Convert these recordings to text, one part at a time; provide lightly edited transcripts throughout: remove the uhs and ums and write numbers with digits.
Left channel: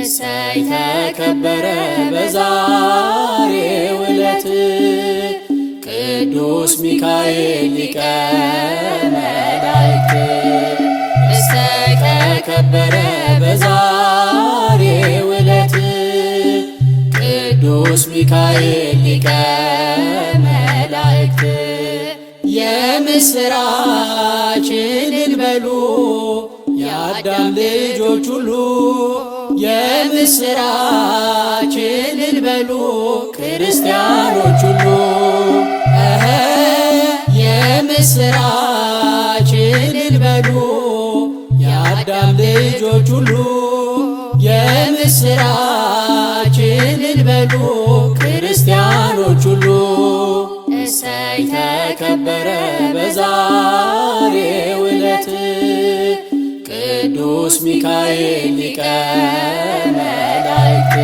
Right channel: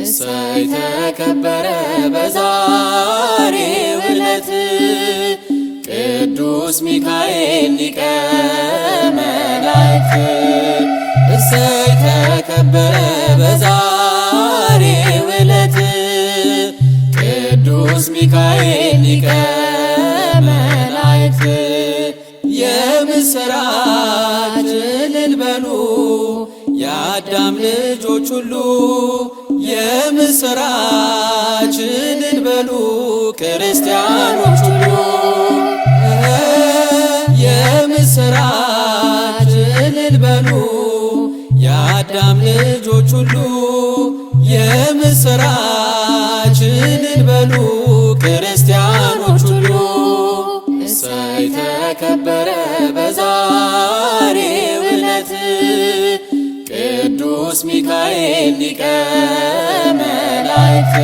እሰይ ተከበረ በዛሬው ዕለት ቅዱስ ሚካኤል ሊቀ መላእክት። እሰይ ተከበረ በዛሬው ዕለት ቅዱስ ሚካኤል ሊቀ መላእክት። የምስራች እልል በሉ የአዳም ልጆች ሁሉ የምስራች እልል በሉ ክርስቲያኖች ሁሉ የምስራች እልል በሉ የአዳም ልጆች ሁሉ የምስራች እልል በሉ ክርስቲያኖች ሁሉ። እሰይ ተከበረ በዛሬው ዕለት ቅዱስ ሚካኤል ሊቀ መላእክት።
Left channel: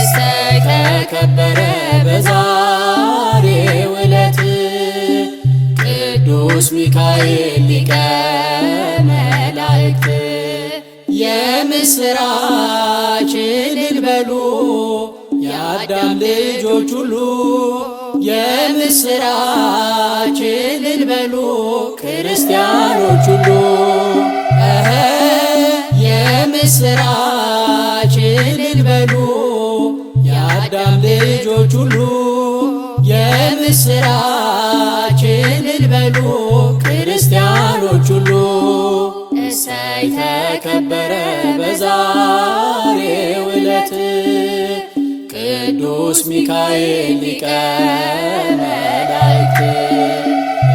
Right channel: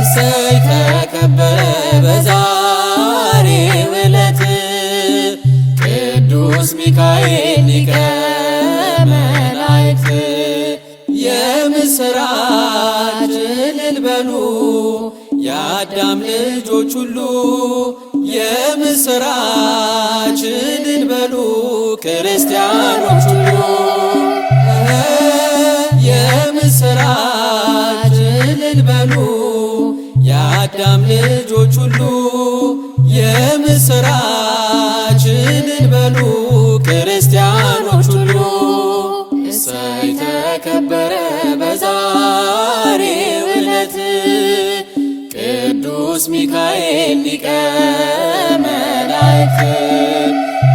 እሰይ ተከበረ በዛሬው ዕለት ቅዱስ ሚካኤል ሊቀ መላእክት። የምስራች እልል በሉ የአዳም ልጆች ሁሉ የምስራች እልል በሉ ክርስቲያኖች ሁሉ የምስራች እልል በሉ የአዳም ልጆች ሁሉ የምስራች እልል በሉ ክርስቲያኖች ሁሉ። እሰይ ተከበረ በዛሬው ዕለት ቅዱስ ሚካኤል ሊቀ መላእክት።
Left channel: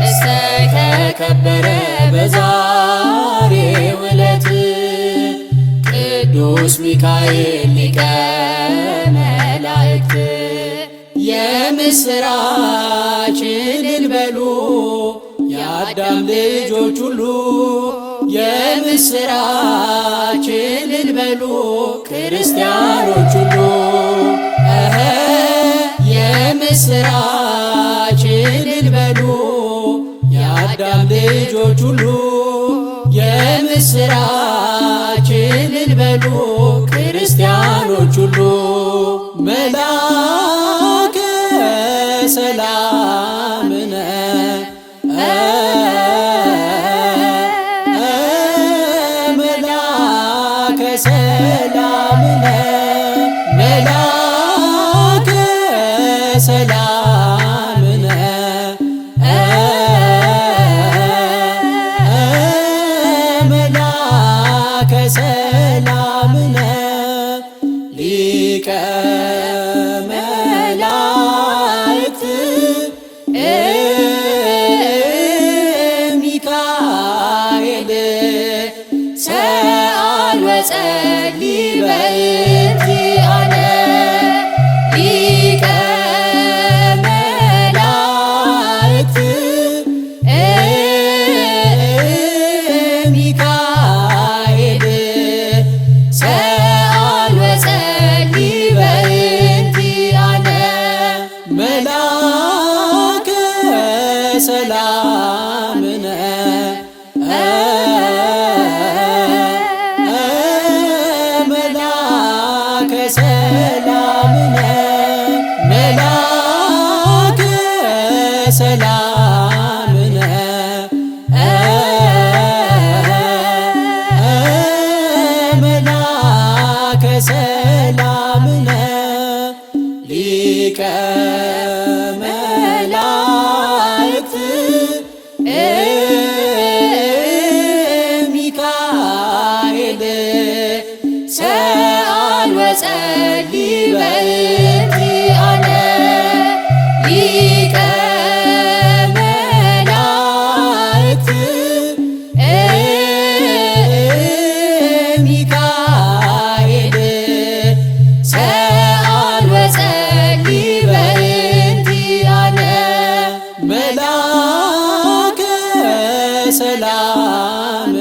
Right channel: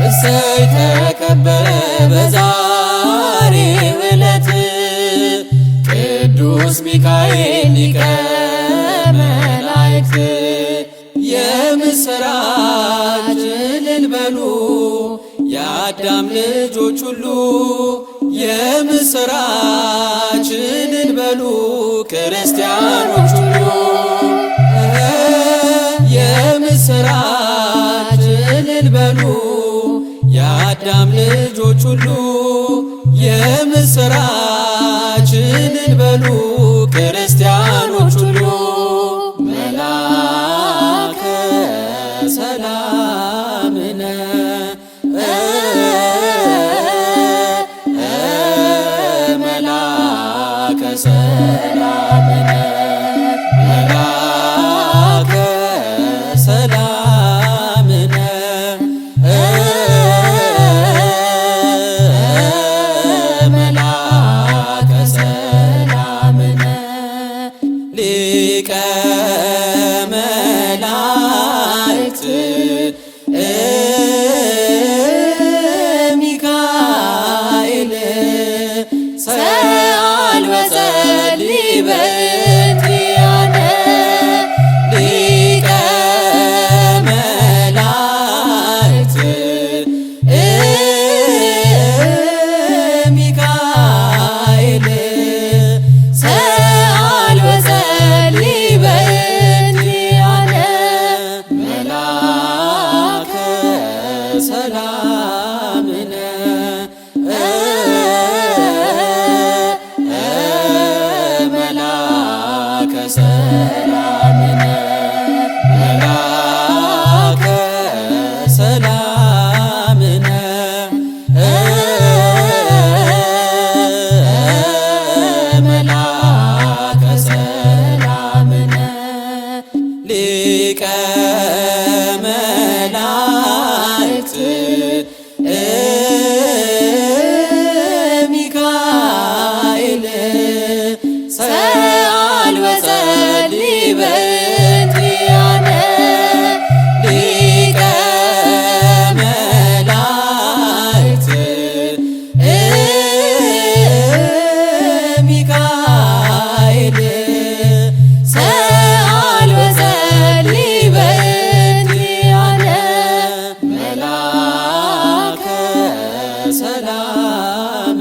እሰይ ተከበረ በዛሬው ዕለት ቅዱስ ሚካኤል ሊቀ መላእክት። የምስራች እልል በሉ የአዳም ልጆች ሁሉ የምስራች እልል በሉ ክርስቲያኖች ሁሉ የምስራች እልል በሉ የአዳም ልጆች ሁሉ የምስራች እልል በሉ ክርስቲያኖች ሁሉ። መላከ ሰላም መላከ ሰላም መላከ ሰላም መላከ ሰላም ሊቀ መላእክት ሚካኤል ሰአል ወጸልይ በእንቲአነ ሊቀ መላእክት ሚካኤል ሰአል ወጸልይ በእንቲአነ መላከ ሰላም መላከ ሰላም መላከ ሰላም መላከ ሰላም ሊቀ መላእክት ሚካኤል ሰአል ወጸልይ በእንቲአነ ሊቀ መላእክት ሚካኤል ሰአል ወጸልይ በእንቲአነ መላከ ሰላም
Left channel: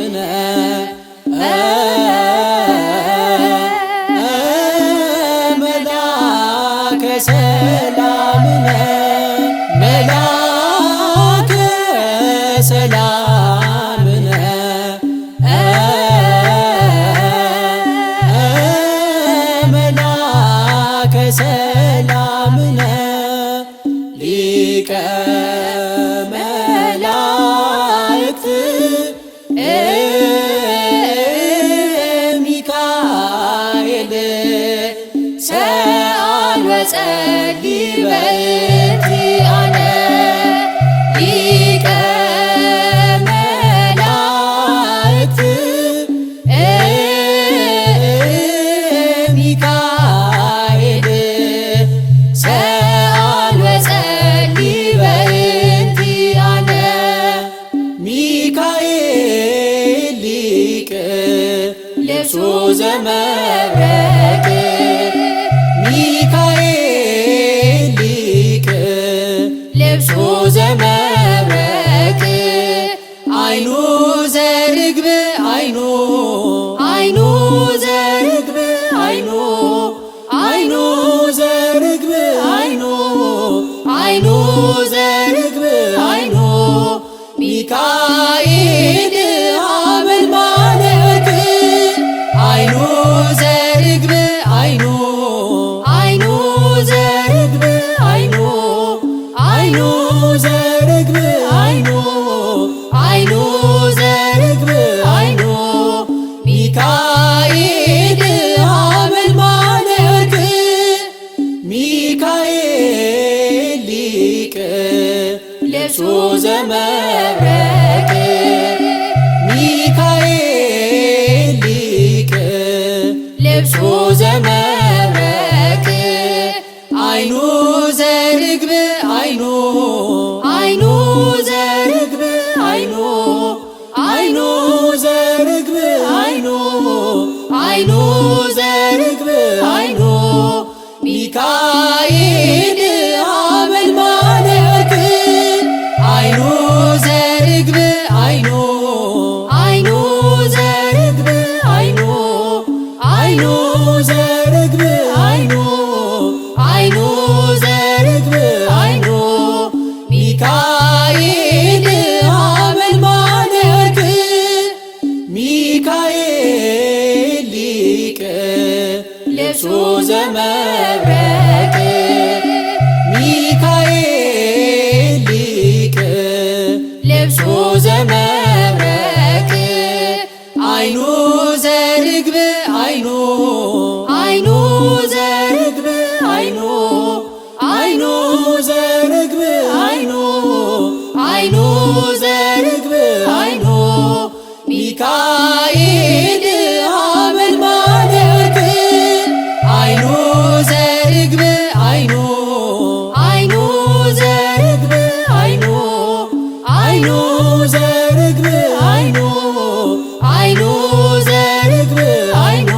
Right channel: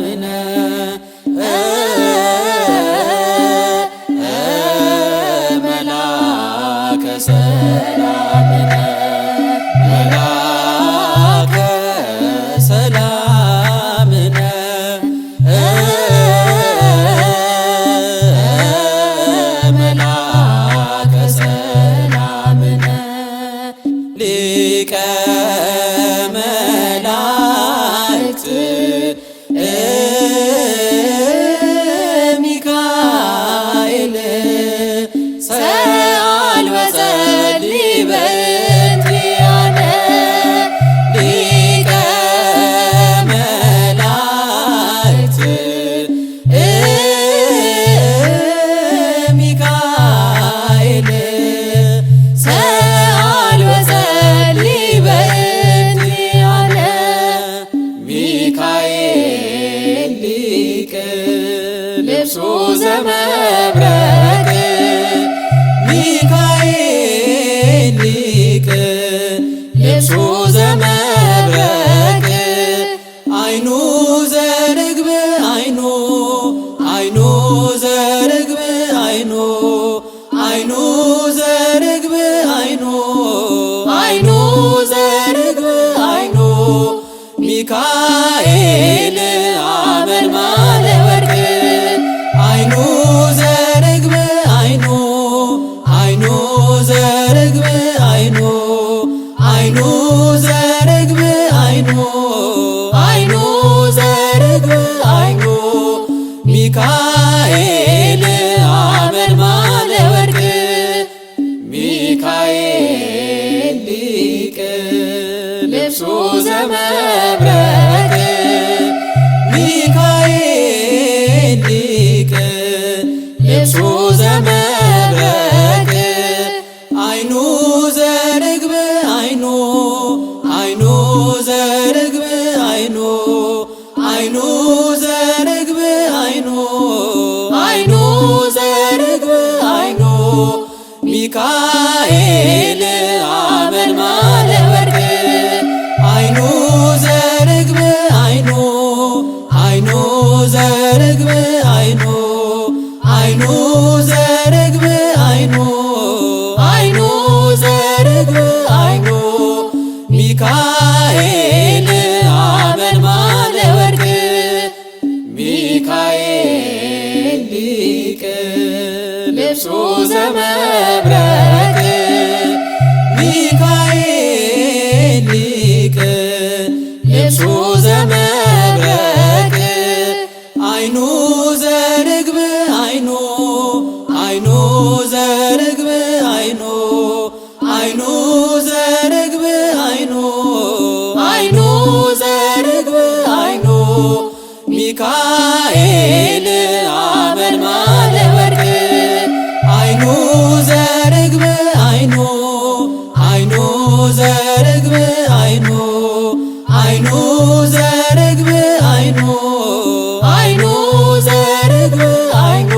መላከ ሰላም መላከ ሰላም ዘመብረቅ ሚካኤል ሊቅ ልብሱ ዘመብረቅ አይኑ ዘርግብ አይኑ ዘርግብ አይኑ ዘርግብ አይኑ ዘርግብ አይኑ ሚካኤል ሐመልማለ ወርቅ አይኑ ዘርግብ አይኑ ዘርግብ አይኑ ዘርግብ አይኑ ዘርግብ አይኑ ሚካኤል ሐመልማለ ወርቅ ሚካኤል ሊቅ ልብሱ ዘመብረቅ ሚካኤል ሊቅ ልብሱ ዘመብረቅ አይኑ ዘርግብ አይኑ ዘርግብ አይኑ ዘርግብ አይኑ ዘርግብ አይኑ ሚካኤል ሐመልማለ ወርቅ አይኑ ዘርግብ አይኑ ዘርግብ አይኑ ዘርግብ አይኑ ዘርግብ አይኑ ሚካኤል ሐመልማለ ወርቅ ሚካኤል ሊቅ ልብሱ ዘመብረቅ ሚካኤል ሊቅ ልብሱ ዘመብረቅ አይኑ ዘርግብ አይኑ ዘርግብ አይኑ ዘርግብ አይኑ ዘርግብ አይኑ ሚካኤል ሐመልማለ ወርቅ አይኑ ዘርግብ አይኑ ዘርግብ አይኑ ዘርግብ አይኑ ዘርግብ አይኑ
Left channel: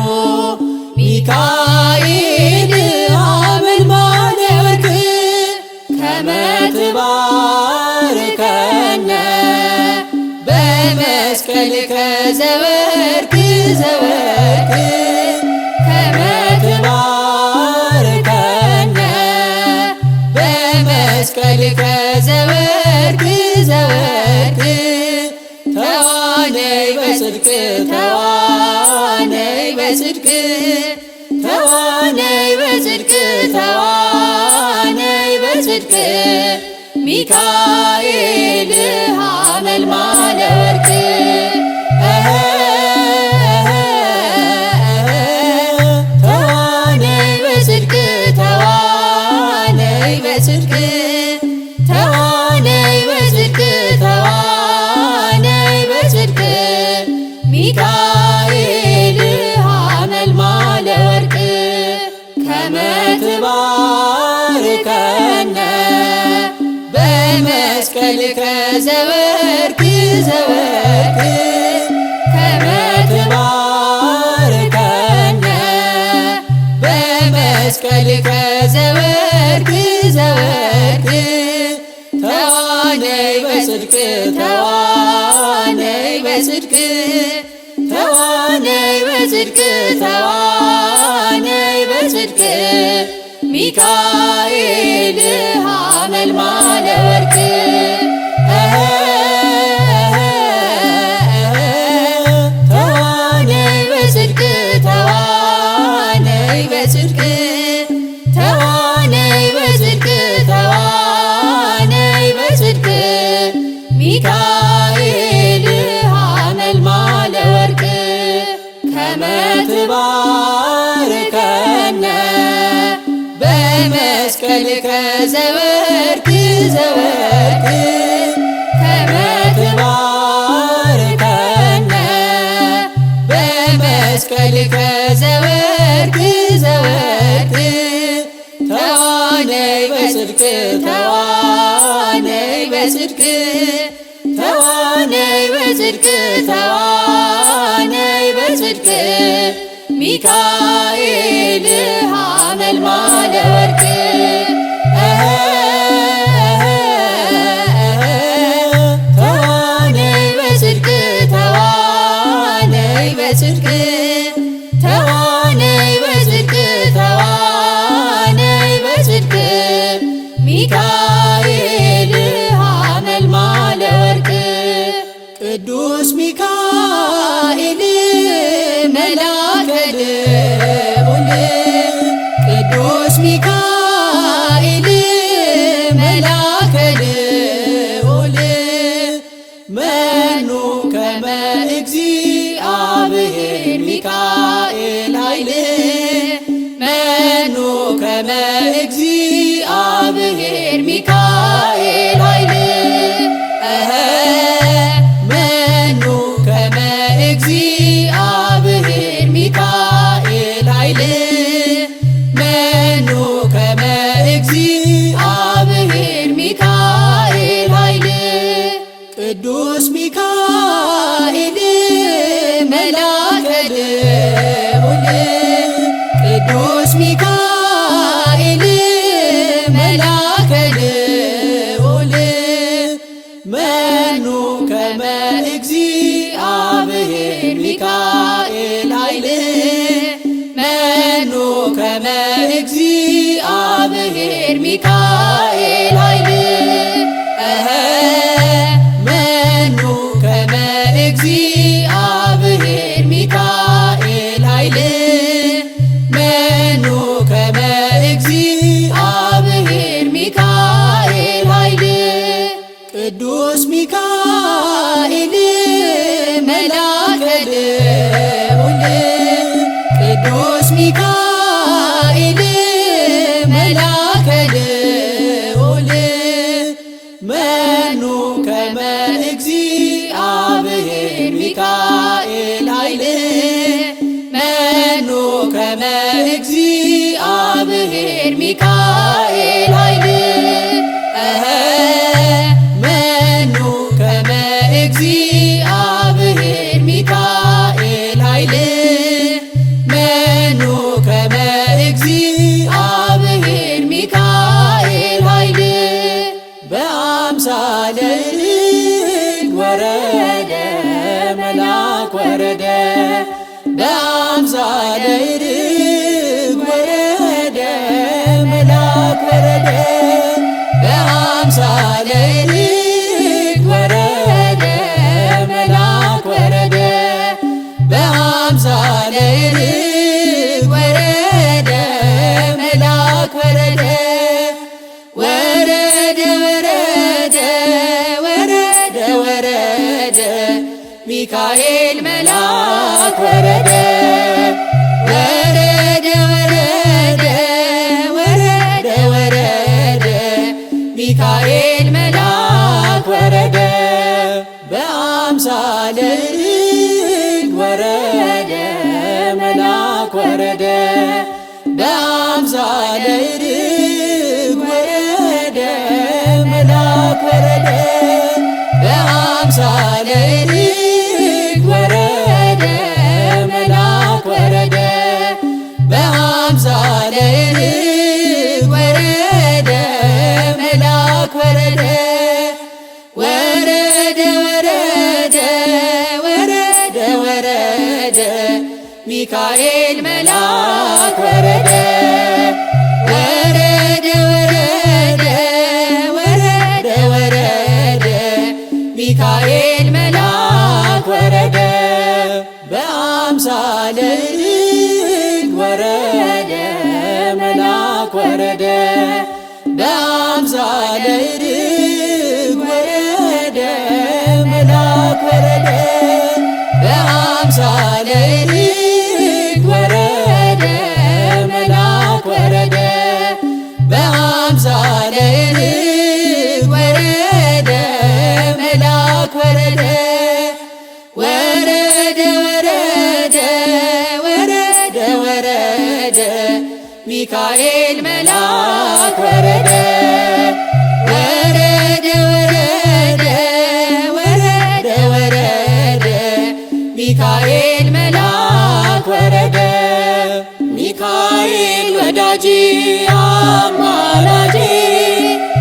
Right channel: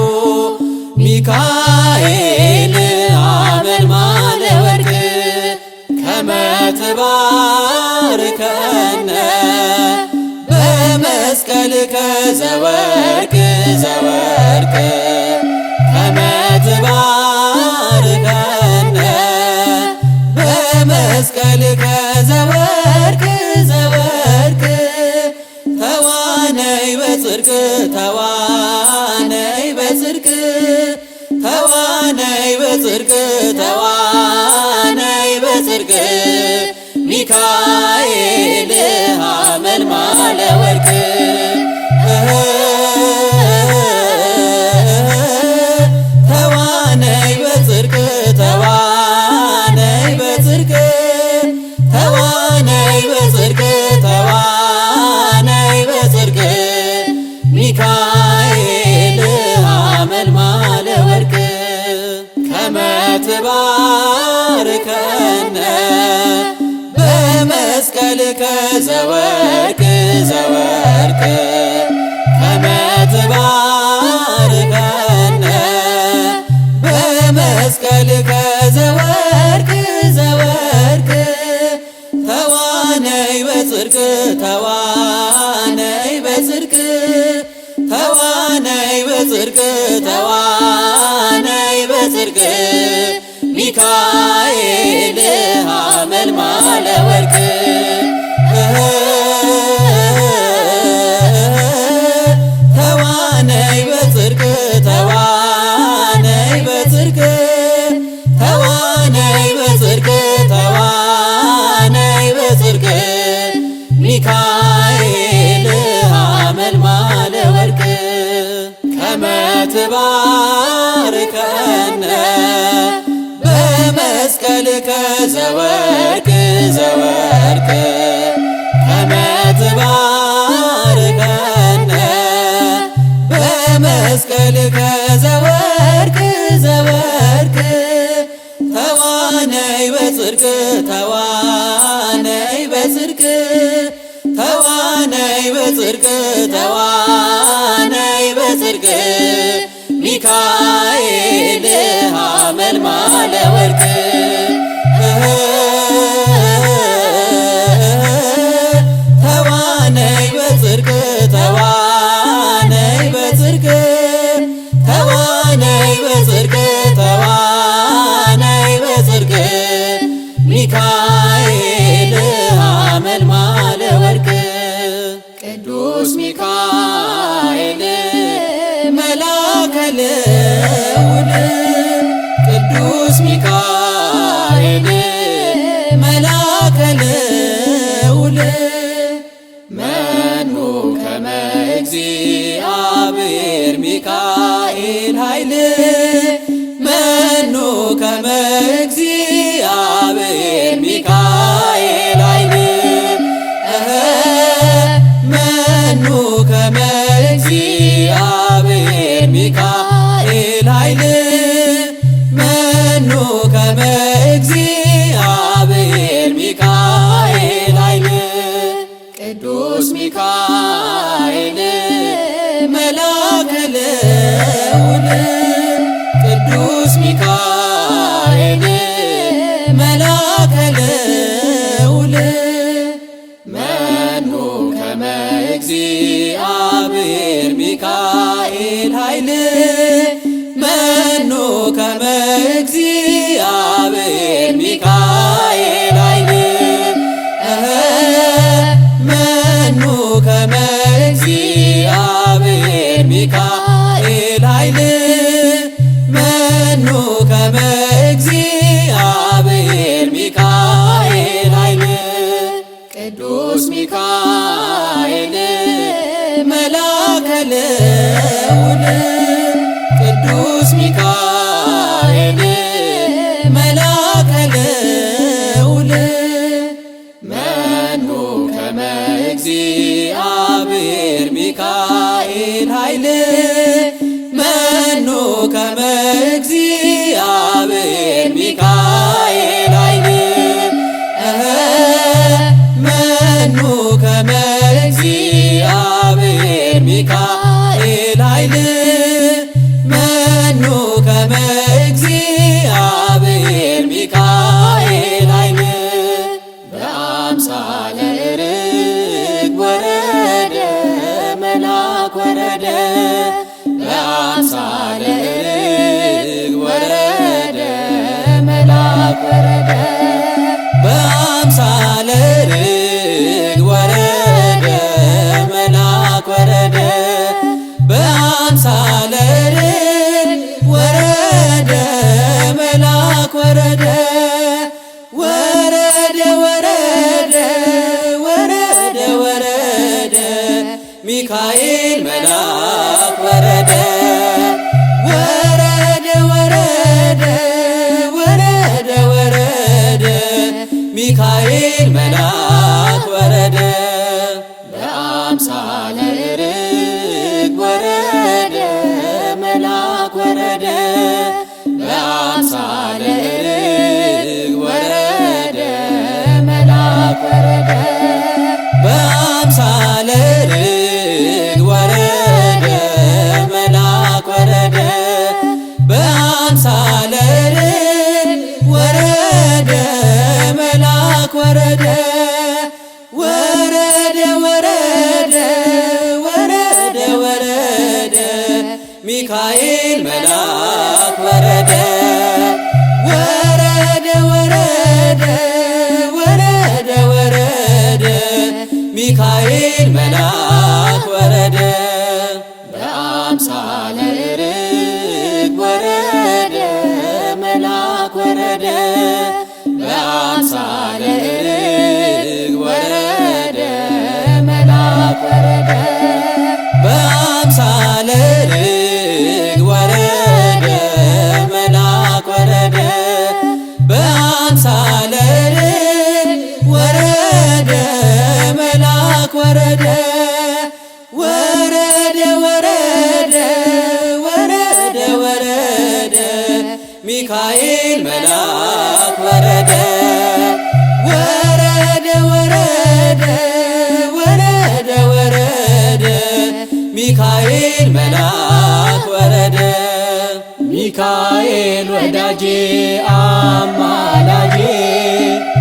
ሚካኤል ሐመልማለ ወርቅ ከመ ትባርከነ በመስቀልከ ዘወርቅ ከመ ትባርከነ በመስቀልከ ዘወርቅ ተዋነይ በጽድቅ ተዋነይ በጽድቅ ተዋነይ በጽድቅ ተዋነይ በጽድቅ ሚካኤል ሐመልማለ ወርቅ ተዋነይ በጽድቅ ተዋነይ በጽድቅ ተዋነይ በጽድቅ ተዋነይ በጽድቅ ሚካኤል ሐመልማለ ወርቅ ከመ ትባርከነ በመስቀልከ ዘወርቅ ከመ ትባርከነ በመስቀልከ ዘወርቅ ተዋነይ በጽድቅ ተዋነይ በጽድቅ ተዋነይ በጽድቅ ተዋነይ በጽድቅ ሚካኤል ሐመልማለ ወርቅ ተዋነይ በጽድቅ ተዋነይ በጽድቅ ተዋነይ በጽድቅ ተዋነይ በጽድቅ ሚካኤል ሐመልማለ ወርቅ ከመ ትባርከነ በመስቀልከ ዘወርቅ ከመ ትባርከነ በመስቀልከ ዘወርቅ ተዋነይ በጽድቅ ተዋነይ በጽድቅ ተዋነይ በጽድቅ ተዋነይ በጽድቅ ልዑል ቅዱስ ሚካኤል መልአከ ልዑል መኑ ከመ እግዚአብሔር ሚካኤል ኃይል መኑ ከመ እግዚአብሔር ሚካኤል ኃይል መኑ ከመ እግዚአብሔር ሚካኤል ኃይል መኑ ከመ እግዚአብሔር ሚካኤል ኃይል ቅዱስ ሚካኤል መልአከ ልዑል ቅዱስ ሚካኤል መልአከ ልዑል መኑ ከመ እግዚአብሔር ሚካኤል ኃይል መኑ ከመ እግዚአብሔር ሚካኤል ኃይል መኑ ከመ እግዚአብሔር ሚካኤል ኃይል መኑ ከመ እግዚአብሔር ሚካኤል ኃይል ቅዱስ ሚካኤል መልአከ ልዑል ቅዱስ ሚካኤል መልአከ ልዑል መኑ ከመ እግዚአብሔር ሚካኤል ኃይል መኑ ከመ እግዚአብሔር ሚካኤል ኃይል መኑ ከመ እግዚአብሔር ሚካኤል ኃይል መኑ ከመ እግዚአብሔር ሚካኤል ኃይል በአምሳለ ርግብ ወረደ መልአክ ወረደ በአምሳለ ርግብ ወረደ መልአክ ወረደ በአምሳለ ርግብ ወረደ መልአክ ወረደ በአምሳለ ርግብ ወረደ መልአክ ወረደ ወረደ ወረደ ወረደ ሚካኤል መልአክ ወረደ ወረደ ወረደ ሚካኤል መልአክ ወረደ በአምሳለ ርግብ ወረደ መልአክ ወረደ በአምሳለ ርግብ ወረደ መልአክ ወረደ በአምሳለ ርግብ ወረደ መልአክ ወረደ በአምሳለ ርግብ ወረደ መልአክ ወረደ ወረደ ወረደ ሚካኤል መልአክ ወረደ ወረደ ወረደ ሚካኤል መልአክ ወረደ በአምሳለ ርግብ ወረደ መልአክ ወረደ በአምሳለ ርግብ ወረደ መልአክ ወረደ በአምሳለ ርግብ ወረደ መልአክ ወረደ በአምሳለ ርግብ ወረደ መልአክ ወረደ ወረደ ወረደ ሚካኤል መልአክ ወረደ ወረደ ወረደ ሚካኤል መልአክ ወረደ ሚካኤል ወዳጄ አማላጄ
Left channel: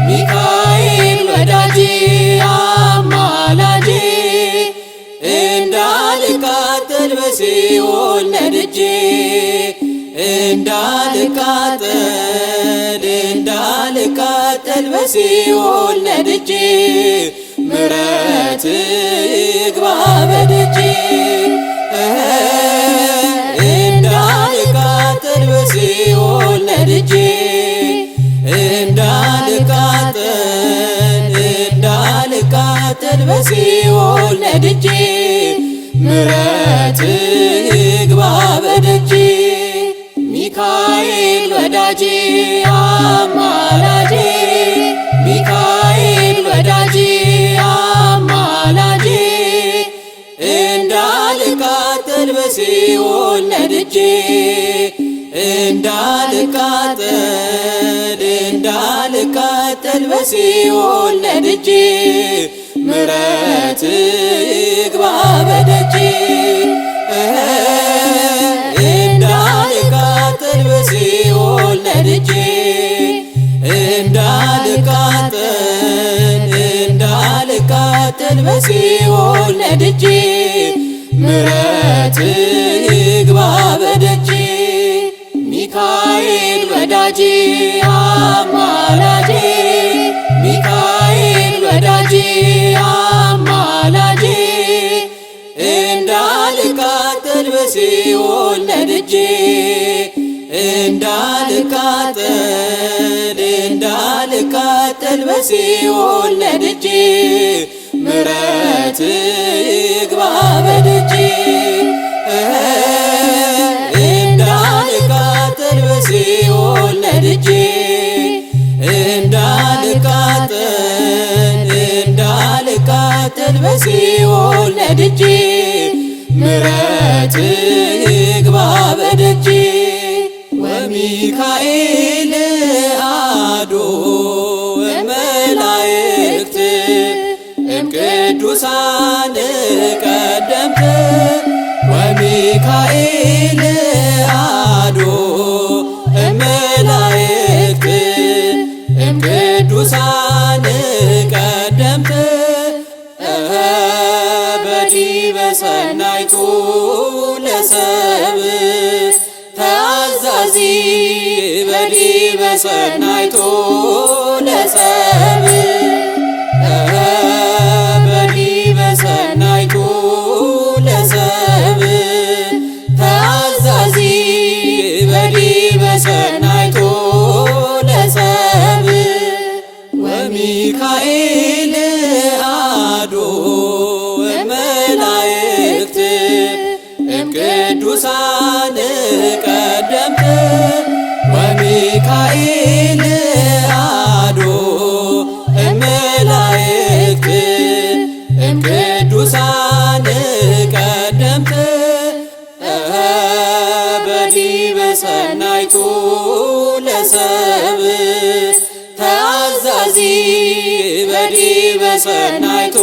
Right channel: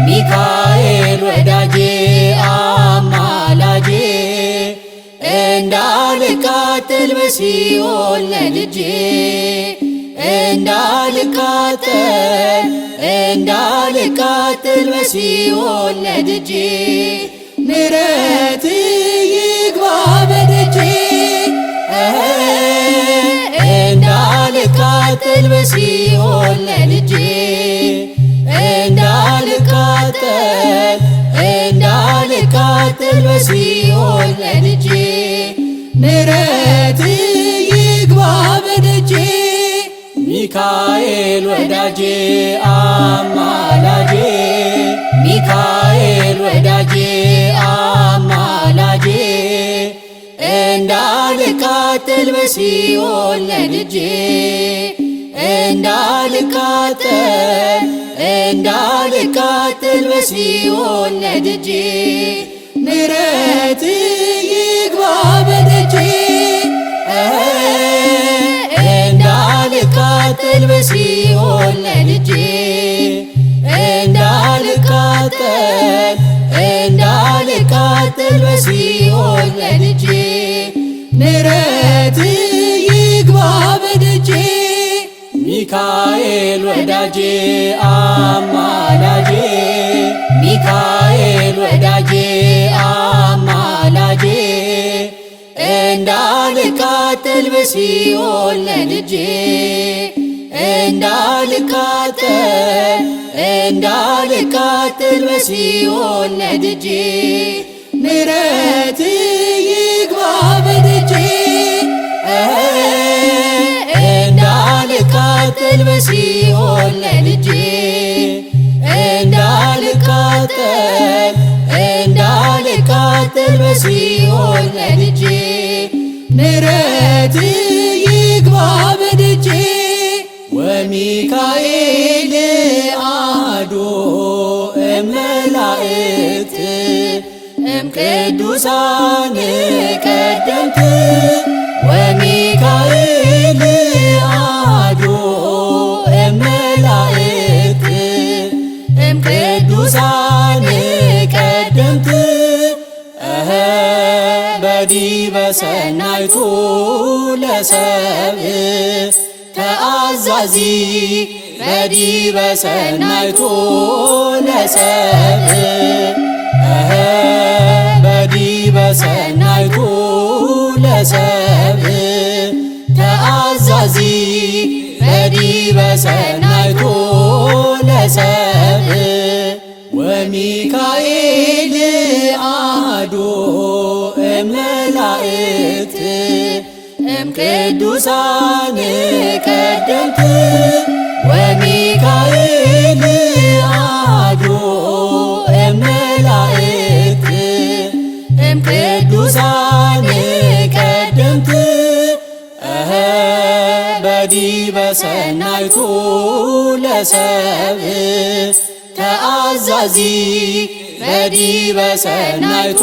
ሚካኤል ወዳጄ አማላጄ እንዳልቃጠል በሲኦል ነድጄ እንዳልቃጠል በሲኦል ነድጄ ምሕረት ይግባ በደጄ ደጄ ሚካኤል ወዳጄ አማላጄ ሚካኤል ወዳጄ አማላጄ እንዳልቃጠል በሲኦል ነድጄ እንዳልቃጠል በሲኦል ነድጄ ምሕረት ይግባ በደጄ እንዳልቃጠል በሲኦል ነድጄ እንዳልቃጠል በሲኦል ነድጄ ምሕረት ይግባ በደጄ ሚካኤል ወዳጄ አማላጄ ሚካኤል ወዳጄ አማላጄ እንዳልቃጠል በሲኦል ነድጄ እንዳልቃጠል በሲኦል ነድጄ ምሕረት ይግባ በደጄ እንዳልቃጠል በሲኦል ነድጄ እንዳልቃጠል በሲኦል ነድጄ ምሕረት ይግባ በደጄ ወሚካኤል አሐዱ እመላእክት እምቅዱሳን ቀደምት ወሚካኤል አሐዱ እመላእክት እምቅዱሳን ቀደምት በዲበ ሰናይቱ ለሰብእ ተአዛዚ በዲበ ሰናይቱ ለሰብእ በዲበ ሰናይቱ ለሰብእ ተአዛዚ በዲበ ሰናይቱ ለሰብእ ወሚካኤል አሐዱ እመላእክት እምቅዱሳን ቀደምት ወሚካኤል አሐዱ እመላእክት እምቅዱሳን ቀደምት በዲበ ሰናይቱ ለሰብእ ተአዛዚ በዲበ ሰናይቱ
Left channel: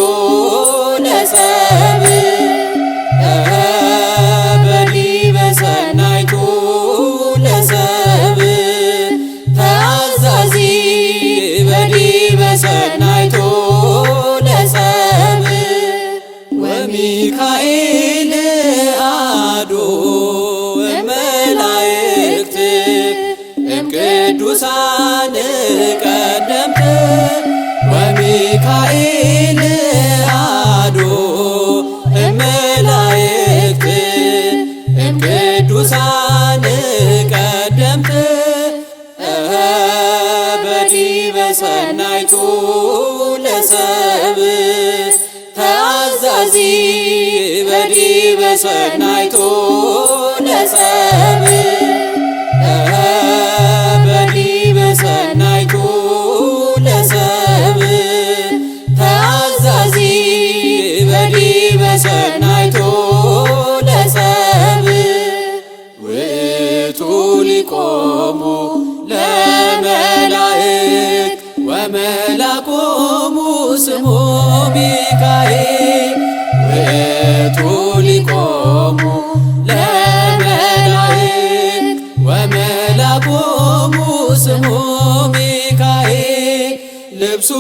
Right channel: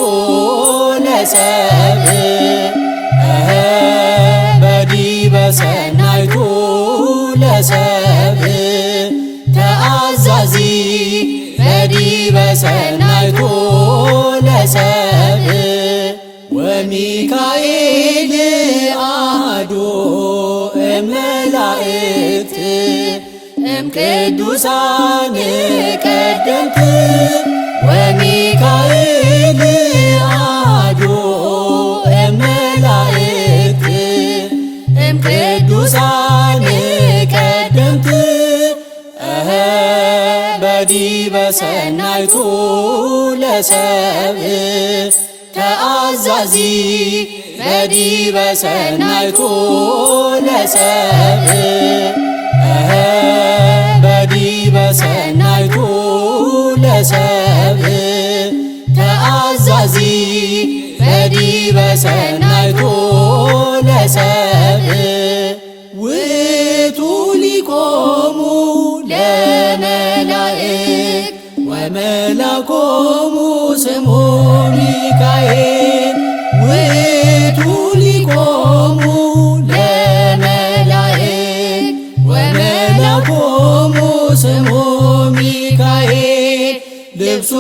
ለሰብእ በዲበ ሰናይቱ ለሰብእ ተአዛዚ በዲበ ሰናይቱ ለሰብእ ወሚካኤል አሐዱ እመላእክት እምቅዱሳን ቀደምት ወሚካኤል አሐዱ እመላእክት እምቅዱሳን ቀደምት በዲበ ሰናይቱ ለሰብእ ተአዛዚ በዲበ ሰናይቱ ለሰብእ በዲበ ሰናይቱ ለሰብእ ተአዛዚ በዲበ ሰናይቱ ለሰብእ ውእቱ ሊቆሙ ለመላእክት ወመላኮሙ ስሙ ሚካኤል ውእቱ ሊቆሙ ለመላእክት ወመላኮሙ ስሙ ሚካኤል ልብሱ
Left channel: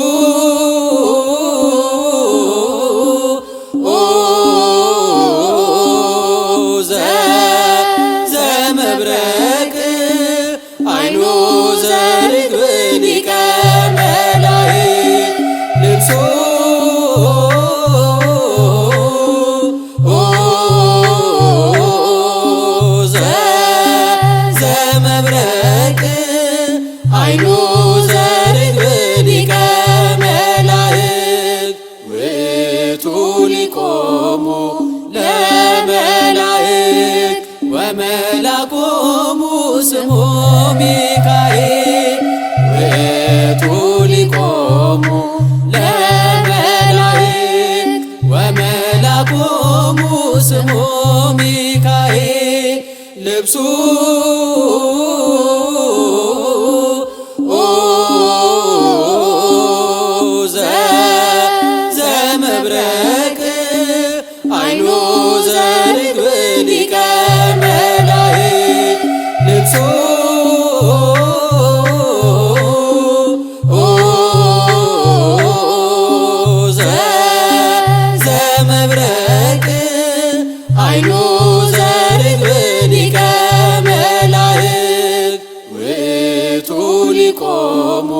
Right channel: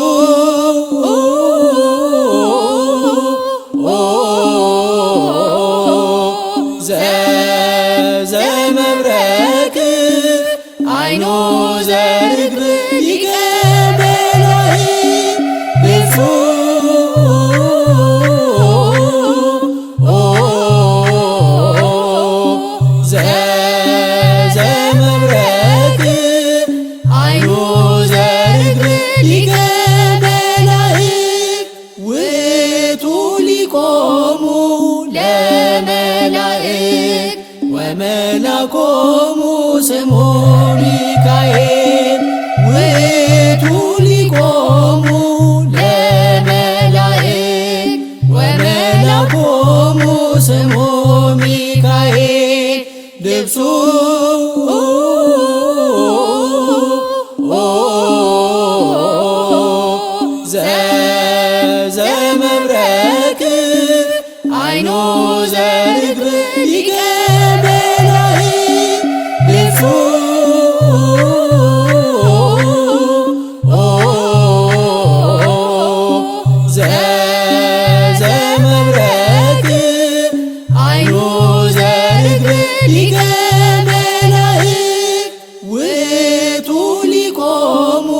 ዘመብረቅ አይኑ ዘርግብ ሊቀ መላእክት ልብሱ ዘመብረቅ አይኑ ዘርግብ ሊቀ ወመላኮሙ ስሙ ሚካኤል ውእቱ ሊቆሙ ለመላእክት ወመላኮሙ ስሙ ሚካኤል ልብሱ ዘመብረቅ አይኑ ዘርግብ ሊቀ መላእክት ልብሱ ዘመብረቅ አይኑ ዘርግብ ሊቀ መላእክት ውእቱ ሊቆሙ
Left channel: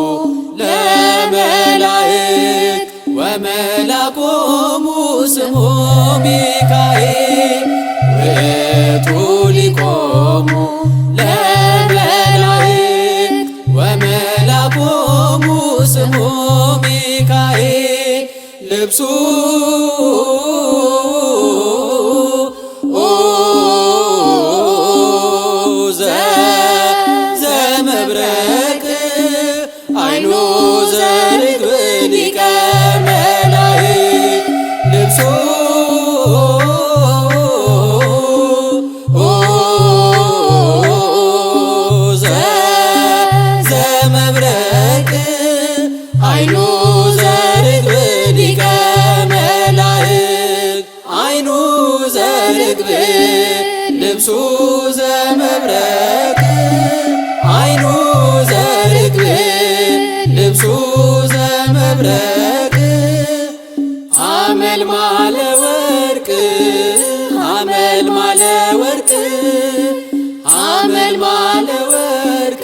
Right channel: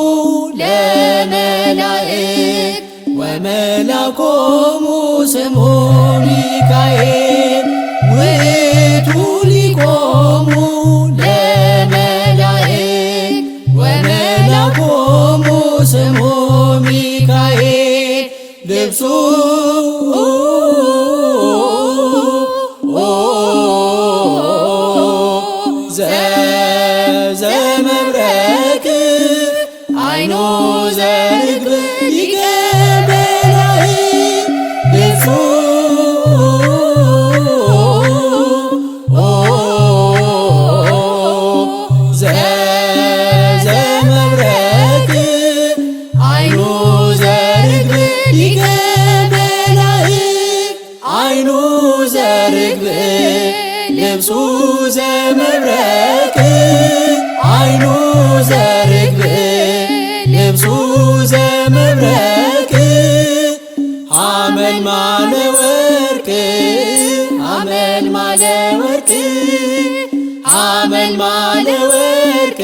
ለመላእክት ወመላኮሙ ስሙ ሚካኤል ውእቱ ሊቆሙ ለመላእክት ወመላኮሙ ስሙ ሚካኤል ልብሱ ዘመብረቅ አይኑ ዘርግብ ሊቀ መላእክት ልብሱ ዘመብረቅ አይኑ ዘርግብ ሊቀ መላእክት አይኑ ዘርግብ ልብሱ ዘመብረቅ አይኑ ዘርግብ ልብሱ ዘመብረቅ ሐመልማለ ወርቅ ሐመልማለ ወርቅ ሐመልማለ ወርቅ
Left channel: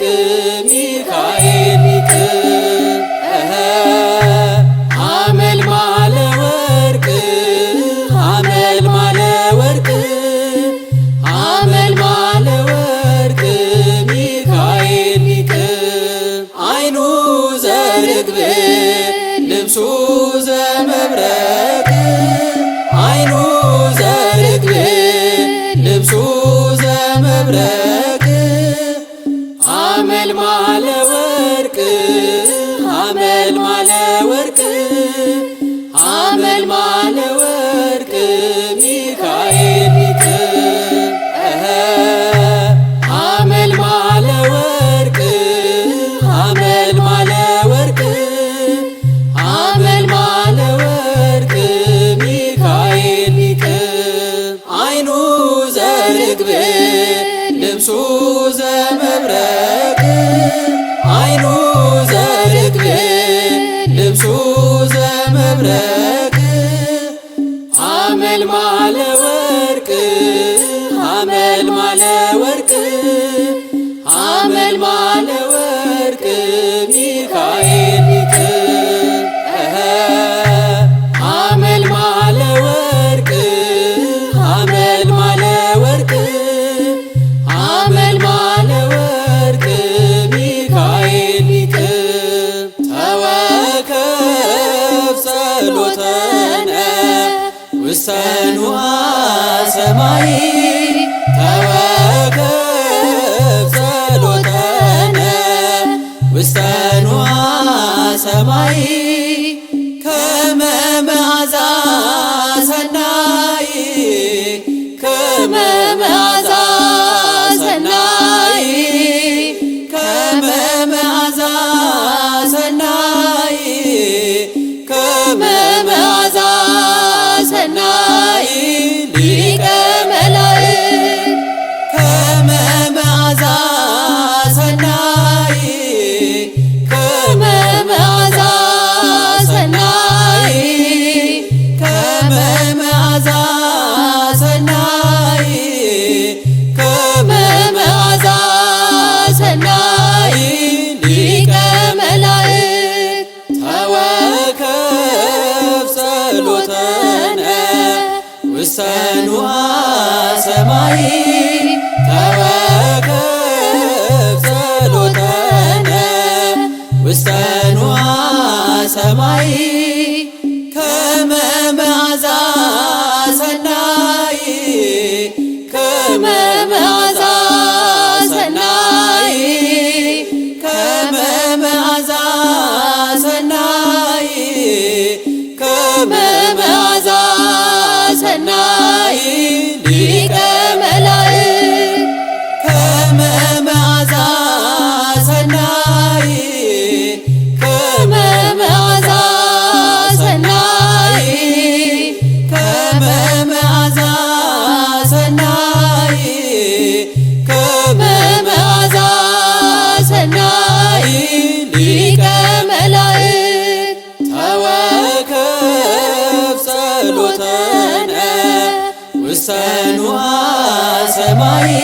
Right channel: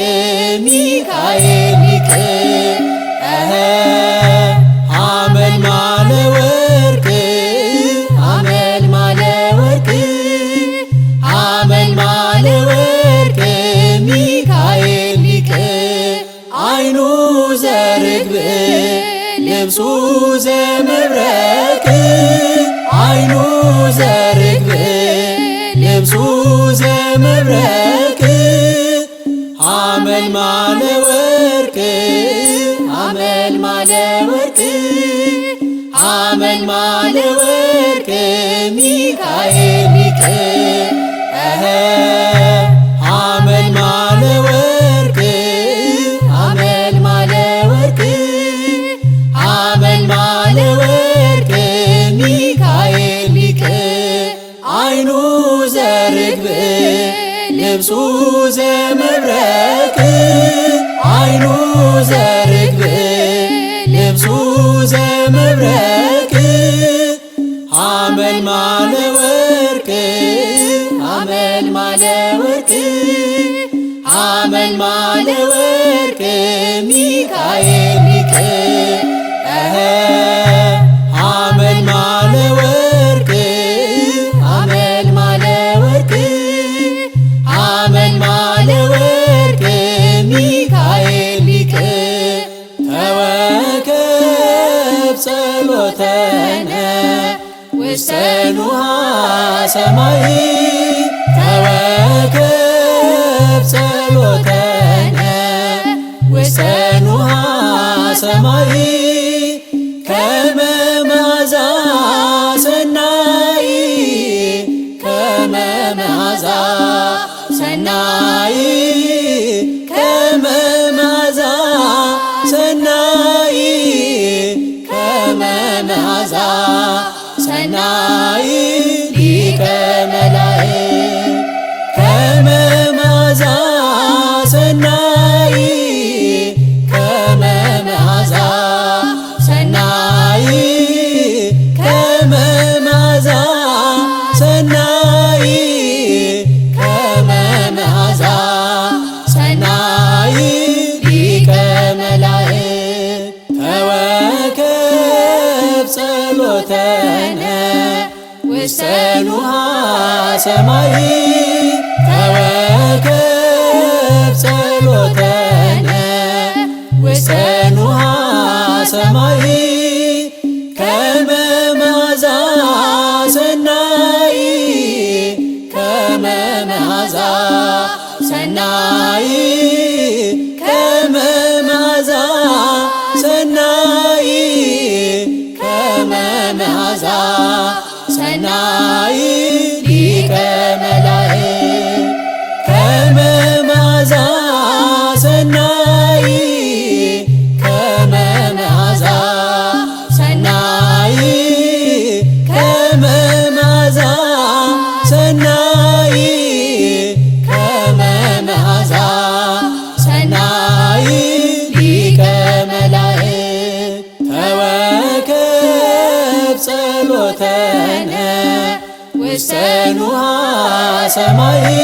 ሚካኤል ሊቅ ሐመልማለ ወርቅ ሐመልማለ ወርቅ ሐመልማለ ወርቅ ሚካኤል ሊቅ አይኑ ዘርግብ ልብሱ ዘመብረቅ አይኑ ዘርግብ ልብሱ ዘመብረቅ ሐመልማለ ወርቅ ሐመልማለ ወርቅ ሐመልማለ ወርቅ ሚካኤል ሊቅ ሐመልማለ ወርቅ ሐመልማለ ወርቅ ሐመልማለ ወርቅ ሚካኤል ሊቅ አይኑ ዘርግብ ልብሱ ዘመብረቅ አይኑ ዘርግብ ልብሱ ዘመብረቅ ሐመልማለ ወርቅ ሐመልማለ ወርቅ ሐመልማለ ወርቅ ሚካኤል ሊቅ ሐመልማለ ወርቅ ሐመልማለ ወርቅ ሐመልማለ ወርቅ ሚካኤል ሊቅ ተወከፍ ጸሎተነ ውስተ ንዑሐ ሰማይ ተወከፍ ጸሎተነ ውስተ ንዑሐ ሰማይ ከመ መዓዛ ሰናይ ከመ መዓዛ ሰናይ ከመ መዓዛ ሰናይ ከመ መዓዛ ሰናይ ሊቀ መላእክት ንዋ ሰማይ